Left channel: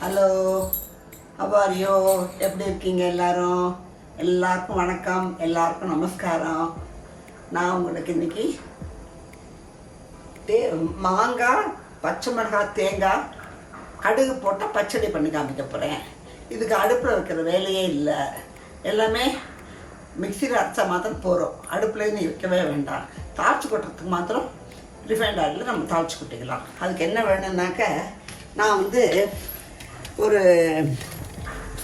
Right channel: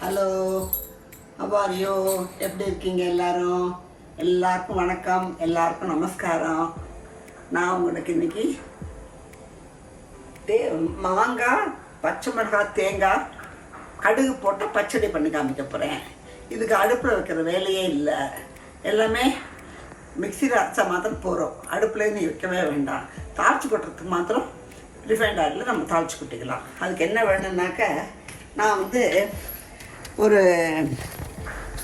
Hello, அவாரியோ, எப்படி இருக்கீங்க எல்லாரும்? எல்லாருக்கும் வணக்கம், எல்லாருக்கும் நமஸ்காரம். நான் உங்களுக்கு இன்னைக்கு மாங்காய், பச்சை மிளகாய், தேங்காய், கடுகு போட்டு பச்சடி பண்ணி காமிக்க போகிறேன். இதுக்கு அடுப்பில் வைக்கிற வேலையே இல்லை. எல்லாமே மிக்சியில் அரைச்சா மாத்திரம் போகிறோம். அடுப்புலேருந்து வைக்கவே வேண்டாம். தாளிச்சு கொட்டுறதுக்கு மாத்திரம் ரிஃபைண்ட் ஆயிலில் நம்ம தாளிச்சு கொட்டிக்கலாம். அதுக்கு என்ன வேணும்னாக்க, நான் வந்து ஒரு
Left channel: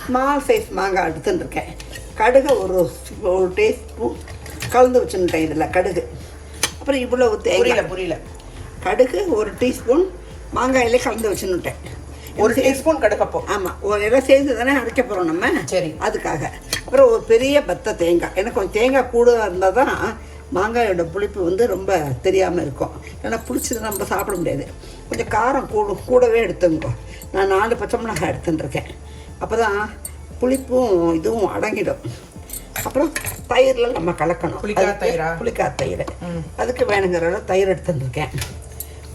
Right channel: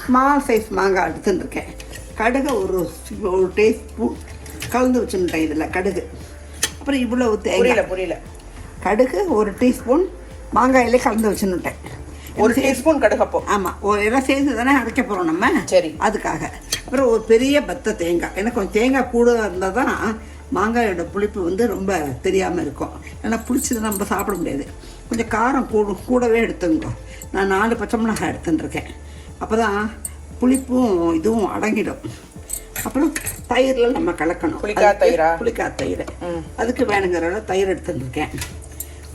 ஸ்மால் சைஸ் மாங்காய் எடுத்துட்டுருக்கேன். கடுகு ஒரு டீஸ்பூன் கலந்து வச்சுட்டேன். இதில் கடுகு, அப்புறம் இவ்வளவு தேங்காய், புரியல கடுகு ஒரு டீஸ்பூன் மாங்காயிலே கலந்து வச்சுன்னுட்டேன். ஒரு டீஸ்பூன் கடுகு. அப்போ ஆமாம், ஒரு எல்லாம் சேர்ந்து தானே அரைக்க போகிறோம் நம்ம. சரி, அதுக்காக. அப்புறம் ஒரு பெரிய பத்த தேங்காய். எனக்கு கொஞ்சம் தேங்காய் கூட இருந்தால் தான் மாங்காயோட புளிப்பு வந்து ரொம்ப தெரியாமல் இருக்கும். ஏன்னா புளிச்சது நம்ம சாப்பிட முடியாது. கொஞ்சம் காரம் கூடவே எடுத்துங்க. நான் 4 பச்சை மிளகாய் எடுத்துட்டுருக்கேன். அப்போ தான் புளிப்பும் இதுவும் அடங்கிடும். அப்புறம் தயிரில் நம்ம கலக்கணும். புளிக்காய் தயிர். அதுக்கு வேணுங்கிற அளவு தயிர் எடுத்துட்டுருக்கேன்.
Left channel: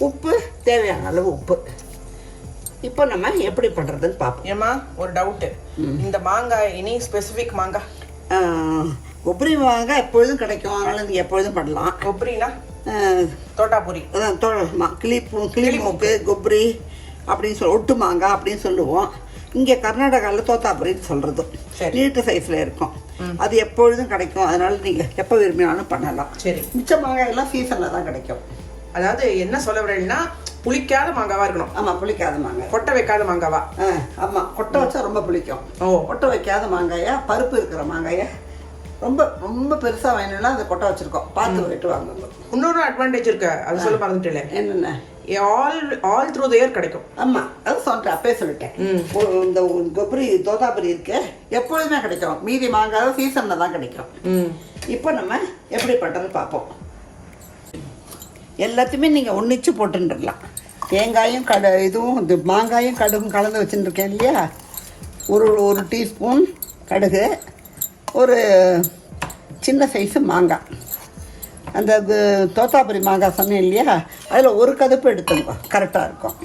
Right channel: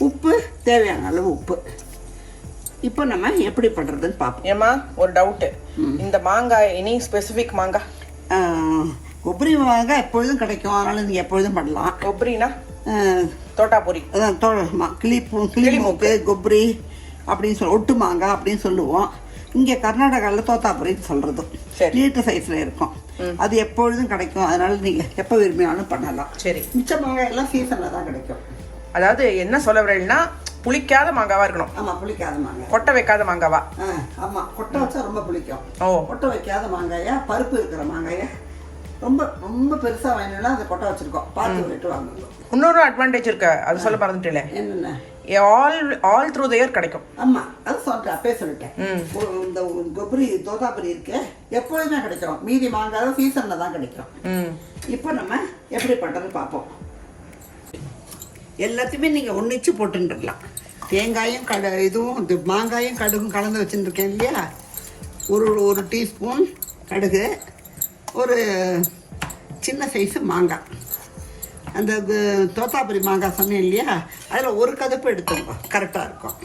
உப்பு தேவையான அளவு உப்பு. இப்போ நம்ம எப்படி பண்ணுறதுன்னு பார்ப்போம். ஏம்மா, ஒரு டவுட்டு. இந்த மாங்காய் எனி ஸ்பெசிஃபிக் மாங்காய்? கொப்பரி மாங்காய் எப்பொழுதும் கிடைக்கும், அதனால நீங்கள் எப்பொழுதும் பண்ணலாம். கொப்பரினா தோட்டாபுரி, அதான் கிளிமூக்கு கொப்பரி அப்படின்னு ஒட்டு மாங்காய் அப்படின்னு சொல்லுவோம். இங்கே கர்நாடகாவில் தோத்தாபுரின்னு சொல்கிறது. நீட்டு சைஸில் இருக்கும். அது எப்பொழுதும் கிடைக்கும், அதனால நீங்கள் எப்போ விரும்பினாலும் பண்ணலாம். சரி, மிச்ச மாங்காய் எல்லாம் சீசனில் தான் கிடைக்கும். அதாவது என்ன சொல்ல வரேன்னா, புளிக்காத மாங்காவா இருக்கணும். ஆமாம், புளிக்காத மாங்காய். கொட்டை வைக்காத மாங்காவா? ஆமாம், கொட்டை வச்சா ரொம்ப பிடிக்கும். கொட்டை வைக்காத மாங்காயா, பருப்பு இருக்கிற மாங்காயை ரொம்ப ரொம்ப பெருசாக வேணும்னா அதை கொட்டை வச்சுருக்கோம். பார்த்து விட்டு வாங்குவோம். இன்னொரு அட்வான்டேஜ் இருக்கு, அது சொல்ல மறந்துட்டேன். என்னென்ன? ஆல் த்ரூ த இயர் கிடைக்கும். ஆமாம், அது சொல்லிட்டேன், அப்பே சொல்லிட்டேன். இந்த கொப்பரி தோத்தாபுரி இருக்கு, எப்பொழுதுமே கிடைக்கும். மீதி மாங்காய் சீசனில் தான் கிடைக்கும். இப்போ நம்ம எப்படி பண்ணுறதுன்னு பார்ப்போம். எல்லாத்தையுமே நீங்கள் ஒன்றிச்சு போட்டுருலாம். தேங்காயும் இதுவும் இந்த மாங்காயும் கடுகும் கலந்து வச்சுருக்கேன் இல்லையா. ஒரு டீஸ்பூன் கடுகு, ஒரு சின்ன சைஸு மாங்காய், அந்த தோத்தாபுரி மாங்காய் சொன்னேன் இல்லையா, அதில் ஒரு கதுப்பு எடுத்துங்க, கரெக்டாக இருக்கும்.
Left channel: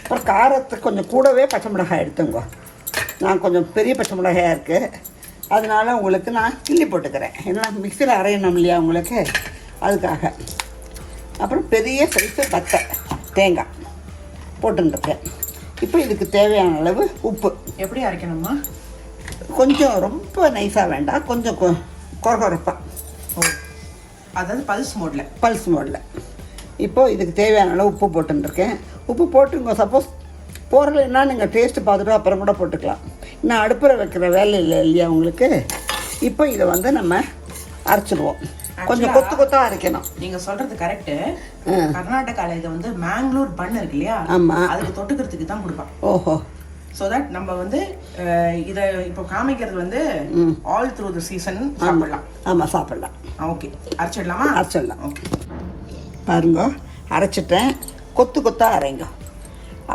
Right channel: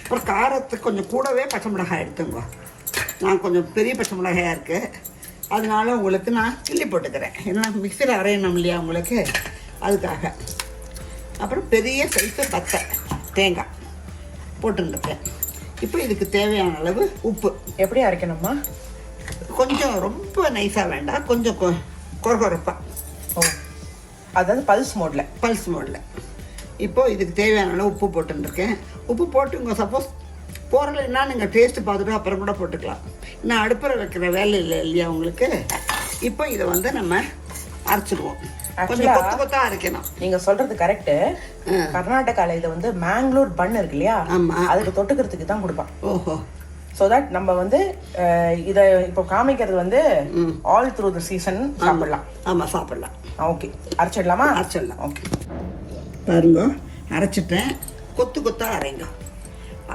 அப்புறம் காரத்துக்கு கொஞ்சம் கூடவே பச்சை மிளகாய் எடுத்துங்க. நான் கொஞ்சம் பெரிய பச்சை மிளகாயாக இருக்குது, அதனால உங்களுக்கு நான் கிள்ளி போட்டுக்கிறேன். ஏன்னா மிக்சியில் அரையணும் இல்லையா உங்களுக்கு, அதுக்காக. அப்புறம் பெரிய சைஸு பத்தை தேங்காய் போட்டுருக்கேன். இப்போ இதுக்கு தேவையான அளவு உப்பு. எப்படி அரைக்கணுமா? கொஞ்சம் ரொம்ப நைஸாக வேண்டாம், கொஞ்சம் கொரகொரப்பாக. அதாவது பல்ஸ் மோடில். இப்போது இதுக்கு தேவையான அளவு உப்பு போட்டுருக்கேன். உப்பு போட்டுங்க. சப்போஸ் போடலைன்னா நீங்கள் டேஸ்ட்டு பார்த்துட்டு அப்புறம் கூட போட்டுக்கலாம். இன்னும் அடுப்பில் வைக்கிற வேலை இல்லை இல்லையா உங்களுக்கு. இப்போ இதை வந்து நம்ம அரைச்சிடுவோம். கொஞ்சம் கொத்தா அரைக்கணும். நீங்க சொல்றது கரெக்ட். கர்நாடகால இதை வந்து மேங்களூர் பன் இருக்கு இல்லையா, அதுக்கு தொட்டுக்கிறதுக்கு தான் கொடுப்பான். ஓஹோ. ஸோ தட் நம்ம வந்து இதை இப்போ காமிக்கிறது வந்து ஆல் த்ரூ தி சீசன் சாப்பிடலாம். ஆமாம், சாப்பிடலாம். ஓகே, அரைச்சிடலாமா? அரைச்சிடலாம். ஓகே, பாருங்க, அரைச்சிட்டேன். கொத்தா அரைங்க.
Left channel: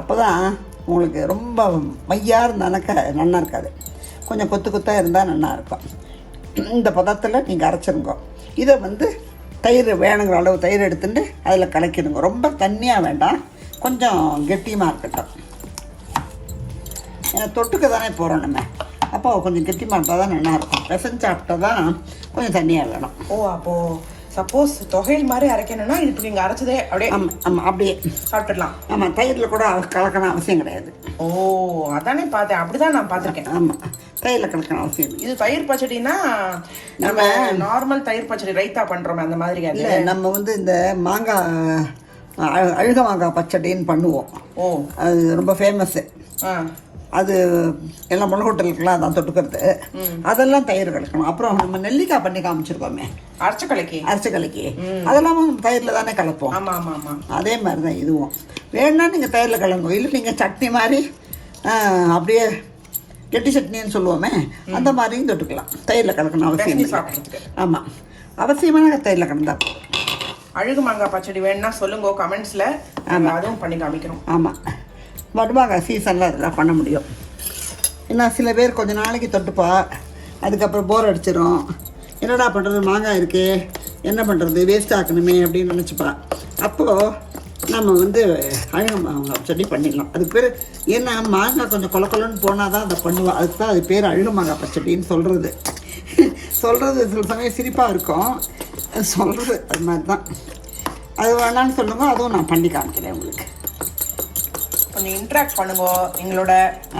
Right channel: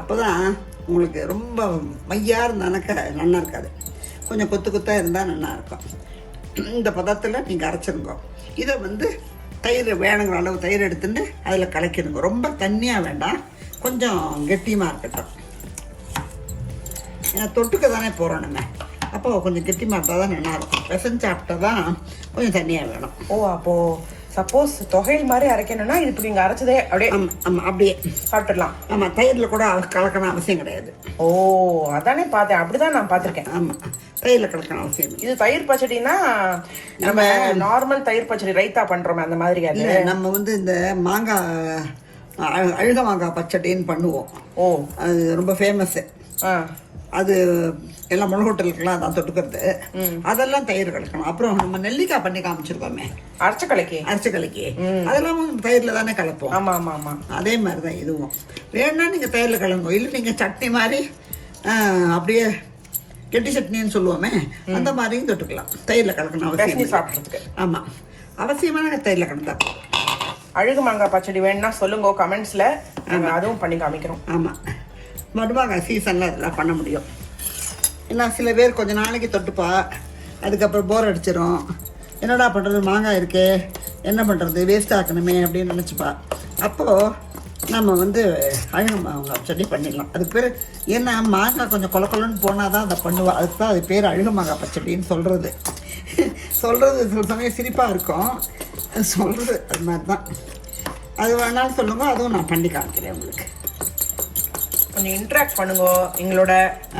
அப்போ தான் உங்களுக்கு ரொம்ப மையாக இருந்தாக்க நல்லா இருக்காது. கொஞ்சம் கொத்தா இருந்தால் நல்லா இருக்கும். இந்த பதத்தில் நீங்கள் அரைச்சிருங்க. இதை வந்து தயிர் வேணுங்கிற அளவு தயிர் எடுத்துட்டு அதில் கலக்கிடுங்க. ரொம்ப தண்ணியாக வேண்டாம், கொஞ்சம் கெட்டியமாக இருக்கட்டும். ஏன்னா தொட்டுக்க தானே போகிறோம் நம்ம. அப்போ கொஞ்சம் கெட்டியமாக இருந்தால் தான் நல்லாயிருக்கும். பிசைஞ்சு சாப்பிட்டா தான் கொஞ்சம் தண்ணியாக வேணும். அப்போது சப்போஸ் தொகையில் மாதிரி அரைக்கணும்னா இது இப்போ நீங்கள் அரைச்சதே அப்படியே ஆமாம் அப்படியே சாப்பிட்டுடலாம். ஆமாம், தயிரில் கூட கலக்கணும் அவசியம் கிடையாது. அதானே பார்த்தேன், அப்படிதான் நான் பார்த்துருக்கேன். ஆமாம், தயிரில் கலக்கணும் அவசியம். இது தயிர் பச்சடினா நம்ம நார்மல் தயிர் பச்சடி ரைத்தா பண்ணுறோமே அந்த மாதிரி. அது நம்ம வந்து இந்த மாங்காய் அழுக மாங்காய் பச்சடின்னு பண்ணுவோம். அது ரொம்ப ஃபேமஸ்ஸு. அது எல்லாம் முளகோட்டலுக்குலாம் அதான் தொட்டுக்கிறது. அதெல்லாம் தயிர் கலக்கணும். அப்புறம் நம்ம நெல்லிக்காய் பண்ணி காமிச்சிருக்கோமே, அரைச்ச கலக்கி அதெல்லாம் தயிரில் தானே கலப்போம். ஆமாம், அதே மாதிரி தான் இதுவும். வேணும்னா நீங்கள் தயிரில் கலங்க. இல்லை நீங்கள் சட்னி மாதிரி அப்படியே கெட்டி சட்னின்னு சொல்லுவோமே, அந்த மாதிரியும் தொட்டுக்கலாம். தயிரில் கலக்கணும் அவசியம் சாப்பிட்றதுக்கு. ஆமாம், அவசியமான தயிரில் கலந்தா. அழுகு மாங்காய் பச்சடி வேணும்னா சொல்லுங்க கமெண்ட்ஸில், அதுவும் பண்ணி காமிக்கிறோம். ஆமாம், மடுமாங்காய் சீசனில் அதெல்லாம் பண்ண முடியும். ஏன்னா சில பேர் கொஞ்சம் நாளைக்கு தொட்டுப்பா, அதுக்கப்புறம் போர் அடிச்சிடும். என்னடா பண்ணுறது, மாங்காய் இருக்கே, என்ன பண்ணுறது, வேஸ்ட் ஆக்கணுமே அப்படின்னு நினச்சிப்பா. அப்போது நம்ம வந்து அழுகு மாங்காய் பச்சடி பண்ணிடலாம். அதுக்கு பேர் ஏன்னா மாங்காய் கொஞ்சம் கொலன்னு போனால் தான் அதை பண்ணுவோம். அதுக்கு தான் அது பேர் அழுகு மாங்காய் பச்சடின்னு சொல்கிறது. சில சமயம் சிரிப்பாக இருக்கும், அது சொல்கிறது அது மாதிரி தான். அது வேணாலும் சொல்லுங்க, அதுவும் நான் பண்ணி காமிக்கிறேன் உங்களுக்கு. கொஞ்சம் இன்ட்ராக்ட் பண்ணுங்க எங்களோட.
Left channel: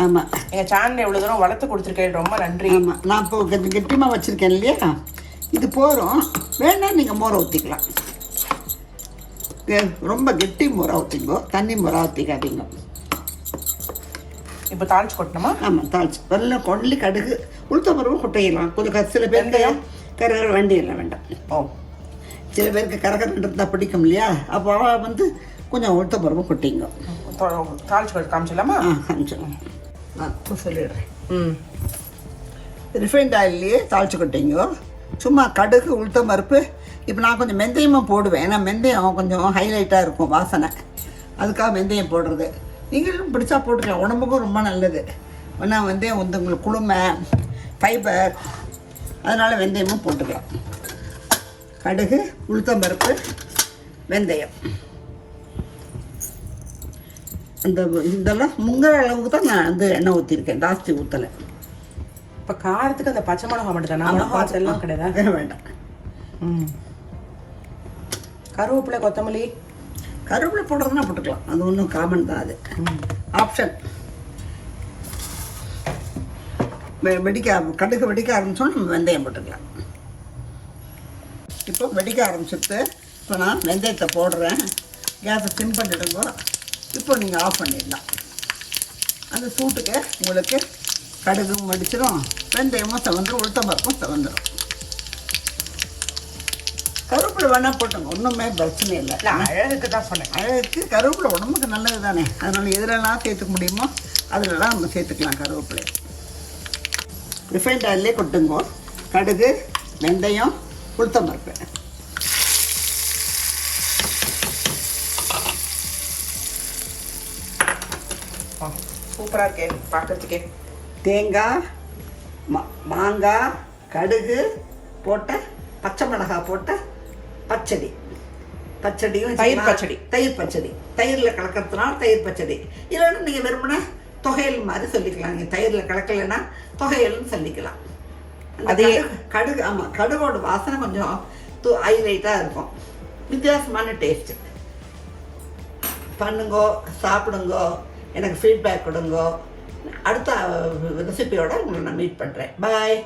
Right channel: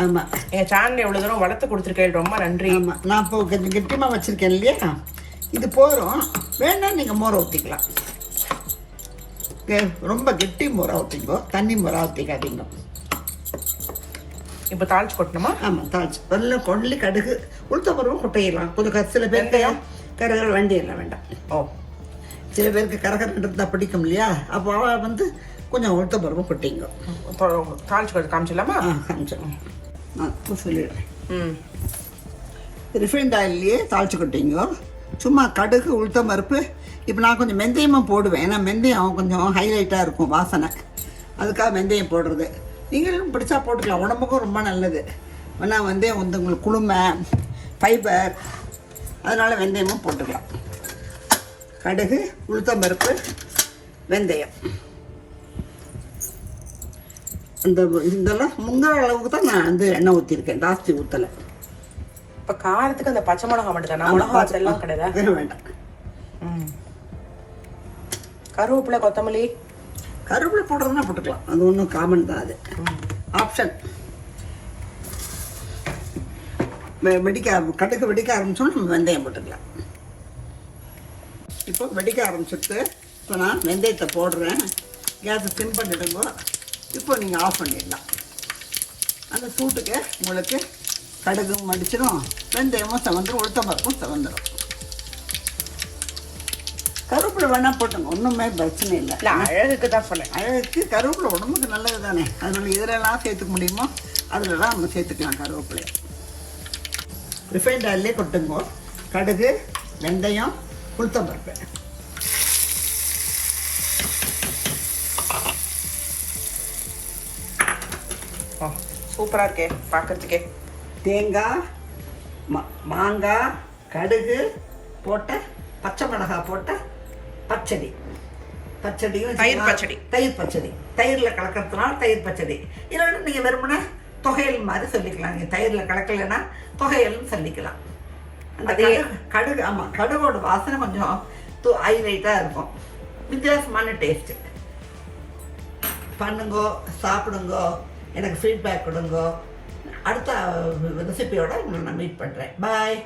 ஆமாம், எங்கள் சேனல் எவ்வளோ தூரம் வளர்த்து கொடுத்துருக்கேன், ரொம்ப நன்றி. ஆமாம், நான் இப்போ கொஞ்சம் கெட்டிமாக வச்சுருக்கேன் இல்லையா, இது போதும். வேணால் நீங்கள் மோரை ஊற்றிக்கலாம். ரொம்ப கெட்டி மோரை ஊற்றிங்கோ, தண்ணி மோரை ஊற்றிக்காதீங்க. இப்போ தாளிச்சு கொட்டணுமா? ஆமாம், தாளிச்சு நல்லா கொள்ளி கடுகு உளுத்தம்பருப்பு கொட்டையிடலாம். கொஞ்சம் சில பேருக்கு கரகர வேண்டியெல்லாம் வேண்டாம். ஓ, சில பேருக்கு கரகரன்றது தான் பிடிக்கும் இல்லையா, அப்போ அவள் வந்து கொஞ்சம் உளுத்தம்பருப்பு கொட்டிங்க. தாளிச்சு கொட்டு காமிச்சிடலாமா? காமிச்சிடலாம். நான் சொல்லிடுறேன். ம், ரிஃபைண்ட் ஆயிலே தாளிச்சு கொட்டிங்க. சும்மா கடுகு உளுத்தம்பருப்பு. இப்போ நான் கொஞ்சம் வெந்தயமும் போடுவேன், ஏன்னா வெந்தயம் கொஞ்சம் ஹைலைட்டாக இருக்கும் வாசனை, அதுக்காக வெந்தயம் போடுறது. நீங்களும் பிடிச்சா போட்டுக்கலாம், உடம்புக்கும் ரொம்ப நல்லது. ஏன்னா வெந்தயம் வந்து உங்களுக்கு குளுமை, ஃபைபர், அதனால் வெந்தயமும் போட்டுக்கலாம். கடுகு உளுத்தம்பருப்பு வெந்தயம் இதெல்லாம் முங்குற அளவுக்கு தான் நான் வந்து எண்ணெய் ஊற்றிருக்கேன், ஜாஸ்தி ஊற்றலை. இப்போ காரத்துக்கு அந்த பச்சை மிளகா மட்டும் தானே, மிளகா எல்லாம் கிடையாது? வேண்டாம். ம், கருவேப்பிலை கொத்தமல்லி கருவேப்பிலை போடுறதுன்னா போட்டுக்கலாம், அது ஒன்றும் காமன் தான், அது ஆப்ஷன். கடுகு வெடிக்க ஆரம்பிச்சோன்னா நம்ம வெந்தயம் போட்டுக்கலாம். இப்போ வெடிக்க ஆரம்பிச்சிட்டு இப்போ நான் வெந்தயத்தை போடுறேன். கேஸை சிம் பண்ணிடுங்க. இப்போ நீங்கள் ஆஃப் பண்ணிடலாம். அந்த சூட்டுக்கு உங்களுக்கு கடுகும் மடிச்சிடும், வெந்தயமும் செவந்துடும், உளுத்தம்பருப்பும் செவந்துடும். கருவேப்பிலை வேணால் போட்டுங்க, ஒன்றுமே பிரச்சனை இல்லை. அழகுக்கு தான் சொன்னேன். அழகுக்கு கருவேப்பிலை உடம்புக்கு நல்லது தானே, அதனால் எதுலலாம் சேர்த்துக்க முடியுமோ அதிலலாம் நம்ம சேர்த்துக்கலாம் கருவேப்பிலை. ரிஃபைண்ட் ஆயிலே கொட்டுங்க. கடுகு வெந்தயம் உளுத்தம்பருப்பு. சூப்பராக இருக்கே பார்க்கறதுக்கே. தேங்காய், மாங்காய், கடுகு போட்ட பச்சை மிளகாய் போட்ட பச்சடியும் தயிர் பச்சடி. தயிர் பச்சடி, தயிரில் கலக்கிறதுனால தயிர் பச்சடி. இல்லைன்னா நீங்கள் வெறுமனே தொகையல் மாதிரி சொல்லிக்கலாம். நீங்கள் தயிரில் கலக்கலைன்னா தொகையல்னு சொல்லிக்கலாம். அந்த கடுகு ஆமாம், கடுகோட வாசனை கொஞ்சம் ஹைலைட்டாக இருக்கும், வித்தியாசமான டேஸ்ட்டு. பண்ணுங்கோ, சாப்பிடுங்கோ, எனக்கு ஃபீட்பேக் கொடுங்கோ. அடுத்த ரெசிபியோட உங்களை நான் மீட் பண்ணுறேன். பாய்.